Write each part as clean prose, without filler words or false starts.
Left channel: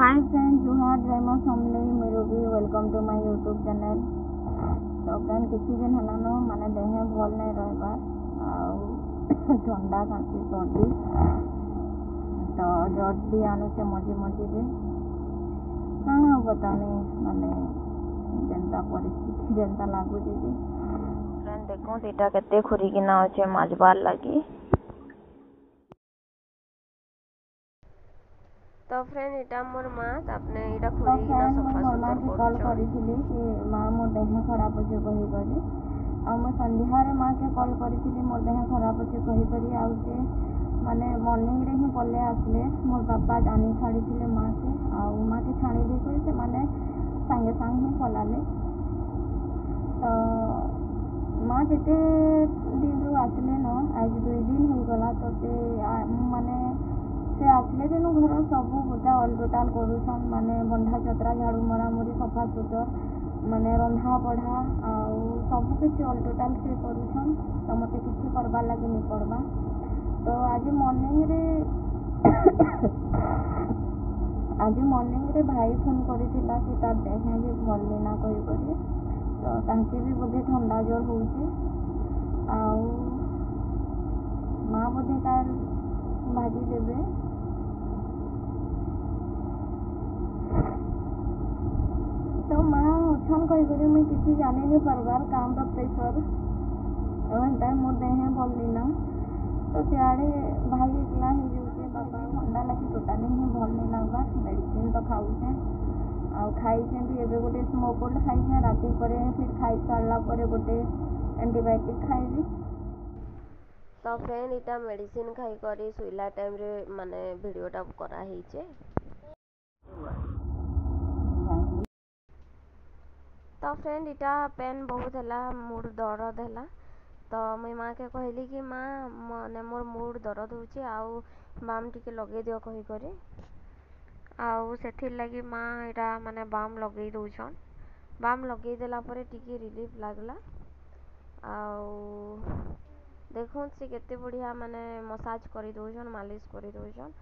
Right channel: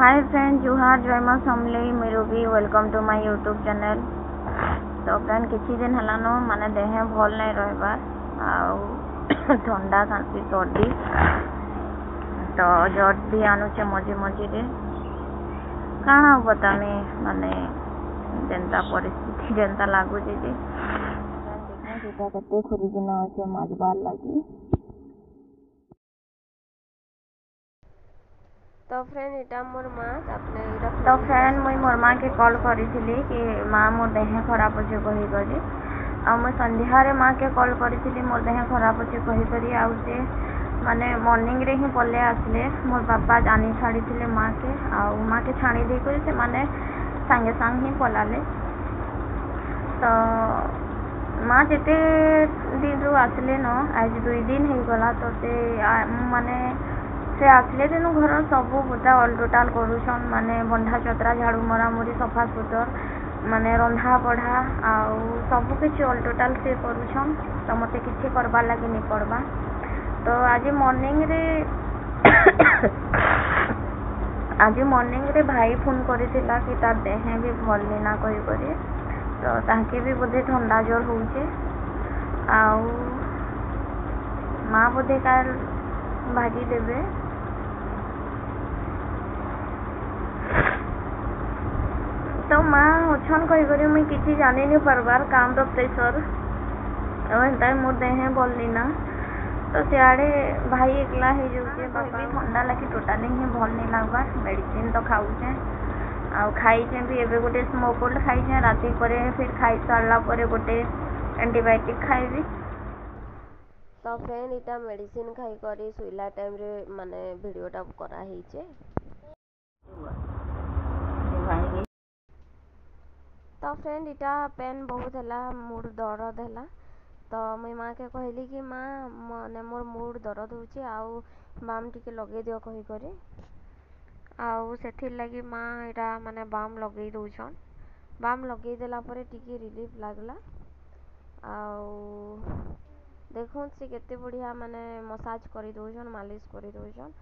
Hi friend जुहार जय माँ समलेई मेरुबी welcome to my YouTube channel. तो फ्रेंड किसी दिन हलान माने देह भल नहीं रहा ठंडा खांसी सर्दी तो जट भी आनुचे मझे मझे कण बतामी माने जेनता परिस्थिति जेनता लगुच फ्रेंड देखो दीटा केते खुरिकिना अच्छे मजबार लगी। तो फ्रेंड इटा मोर माँ आपने इटा तो फ्रेंड मुई मोर माँ के कॉल करी कि माँ मोर देह खराब अच्छे कही करी मुई संध्यारे माँ के कॉल करी मोर देह खराब अच्छे कही करी आउ से माने मॉर्निंग रे ही पले आसले मोर बापा जानी छाड़ी थे माँ के आउ माँ के छाणी दे कर से माने सांगे सांग ही पलाले। तो माँ जिते दिन रू आसले न आज 2 दिन हो गला तो से माने से आसले दिन घर सब पूरा अल टोटाल करूछन माने बंधा चतरा झाड़ू मरामुरी सफा सुतर माने रंधा बढ़ा आउ सब किसी अल टोटाल से करूछन। तो मते किसी करबार लगे नहीं पड़बा। तो आज मॉर्निंग रे भाई फोन करिथिला कि तार देह भी भल नहीं ना कही करी तो ताके भी बोधे ठंडा जोर होउचे आउ माँ बोधे काल भाजी देवे। तो माँ अच्छन कही मुई किसी जानी नहीं पार्बार काम रो प्रेसर एंता मोर देह भल नहीं ना तो सियाड़े भाई एकला हो जाऊे बापा ठंडा लगे टोटाली ही भल नहीं लगवा मेडिसिन तो खाऊचे आउ खाईचे भी एवं गोटे स्मोकोल्ड खाईचे राति पर फिर खाई सारा पर गोटे एंटीबायोटिक खाइबी। तो फ्रेंड इटा मेडिसिन खाई करी सुइला टाइम रे माने वीडियोटा करा हिचे। तो फ्रेंड इटा पेन बहुत है मूड दर्द है तो मुई माँ के कहली कि माँ माने मोर मूड दर्द होची आउ बाम टिके लगे दियो कही करी आउ सेथिर लगी माँ इटा माने बाम लगे दउछन। बाम लगे देला परे टिके रिलीफ लागला आउ देखो से केते बढ़िया माने मसाज करी दउछन मालिश करी दउछन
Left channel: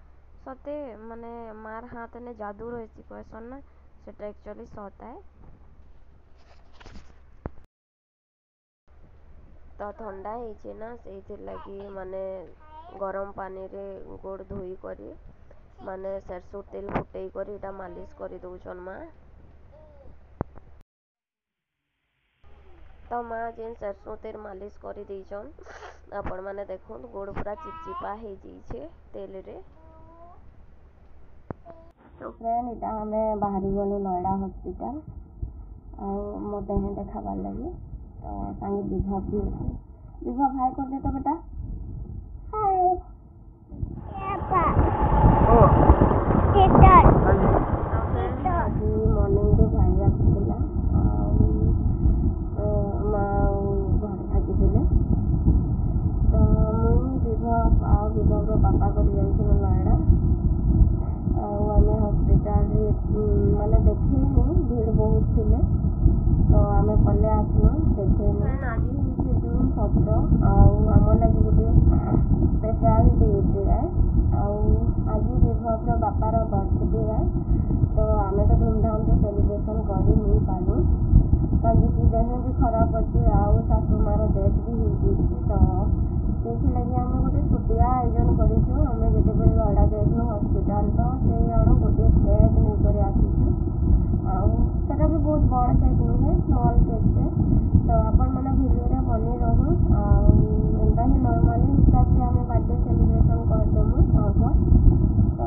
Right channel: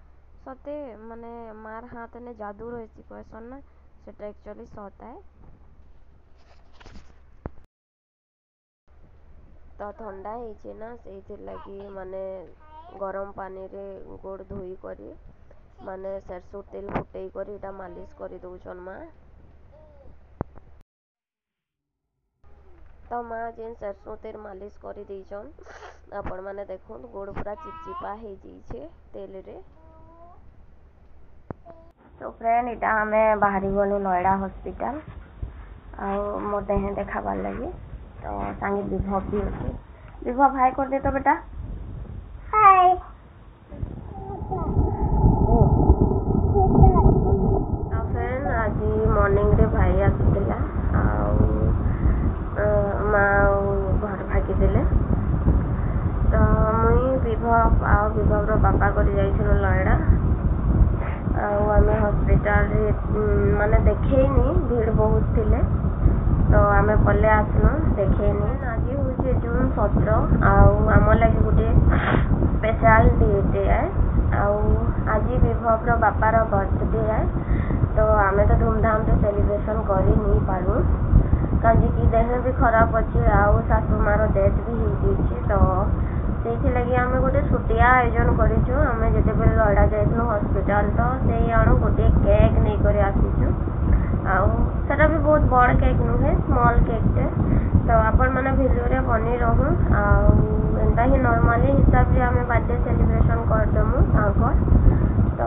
सते माने मार हाथ ने जादू रहसी कहसन ना सेटा एक्चुअली सत है। तो ठंडा होइछे ना से लगी माने गरम पानी रे गोड़ धोई करी माने सरसों तेल फुटई करी इटा मालिश करी दउछन माँ। तो माँ जेन सरसों तेल मालिश करी देछन आपण माने देखो गोड़ पूरा चिपचिपा हो जाइछे तेल रे। तो फ्रेंड इटा हमें बाहरी गलु नोएडा हॉस्पिटल आउ मोर देह देखाबार लगी तो सांगे विभव भी अच्छे। विभव हाय कर दे तो बेटा हाय। तो फ्रेंड आज मॉर्निंग रे भाई आसला माँ घर भागी देले तो मुई विभव आउ विभव रो बापा कर जाइछन नोएडा आउ आमे हॉस्पिटल रे माने देखैनी भीड़ बहुत थिले तो आमे पले आसनु देखैनी। आज हूँ जून 17 आउ आम लगे गोटे स्पेशल डे है आउ आज विभव रो बापार बर्थडे है तो आमे तो धूमधाम से सेलिब्रेशन करी नहीं पारू कहीं कि देह भी खराब अच्छे आउ सासू मार डेथ भी हो तो से लगी आम गोटे छुटिया आयोजन करूँ आम जिते लड़ा जाइलु हॉस्पिटल तो से अणु गोटे केक नहीं कर आसीचु आउ सेटा भी बहुत बड़ केक नुहे स्मॉल केकटे तो आपण मैंने भिडियो रे बनी रहूँ आउ एंता ही नॉर्मली हिसाब से आम बर्थडे सेलिब्रेशन करदेमु आगर तो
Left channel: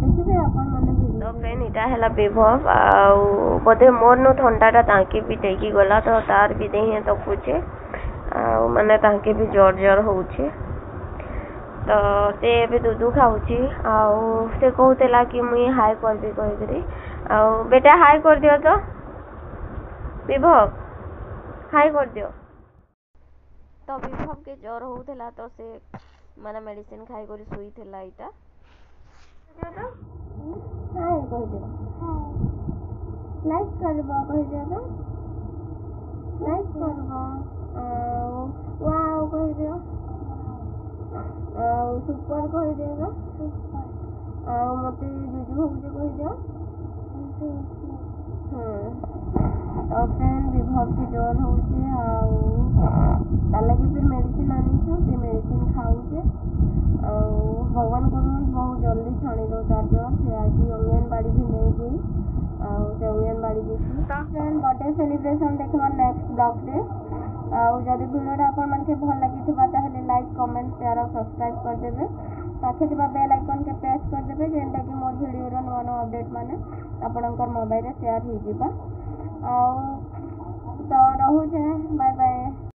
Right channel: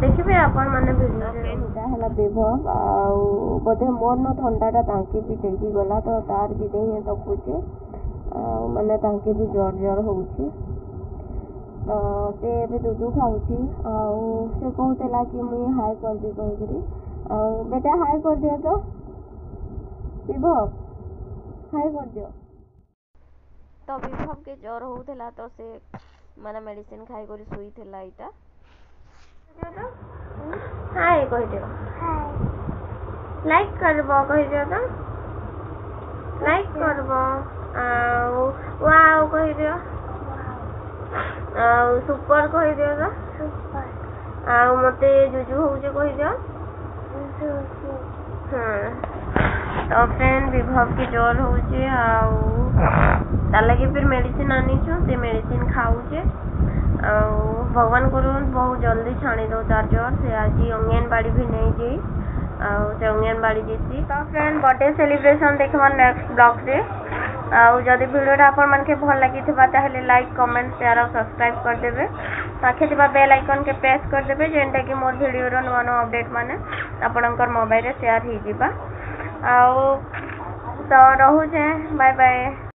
देखिए आपण मैंने भिडियो फ्रेंड इटा है विभव आउ बोधे मोर नु ठंडाटा ताके भी टेकी गला तो तार भी देहे तो पूछे आउ माने ताके भी जोर जोर होउची तो से भी दूध खाऊची आउ से कहूला कि मुई हाय कर दी कही आउ बेटा हाय कर दियो तो विभव हाय कर दियो। तो विभव के ज्वर होउथला तो से माने मेडिसिन खाई करी सुई थिला इटा हाय कह दियो लाइक करबो कह दियो तो लाइक करबो आउ वाओ कह दियो आउ सुपर कह दियो तो ଆଉ ମତେ ଜୁଜୁ ହଉଛି କହିଦିଅ। तो फ्रेंड विभव की जोर होचे आउ तार लगे फिर मेडिसिन आनीछु से मेडिसिन खाऊचे आउ भगवान गुरु बहुत जल्दी छाणी दो तार जोर से आज अंगनबाड़ी भी नहीं गई आउ से अंगनबाड़ी जीती। तो फ्रेंड बर्थडे सेलिब्रेशन देखबा नेक्स्ट ब्लॉग रे आउ जदि वीडियोटा आपण मानके भल लागिथिबा ताहेले लाइक कमेंट शेयर और सब्सक्राइब कर देबे पाखे थिबा बेल आइकन के प्रेस कर देबे जेंटा कि मोर वीडियो रो नवा नवा अपडेट माने आपणकर मोबाइल रे शेयर ही जिबा आउ तो रहू जे बाय बाय।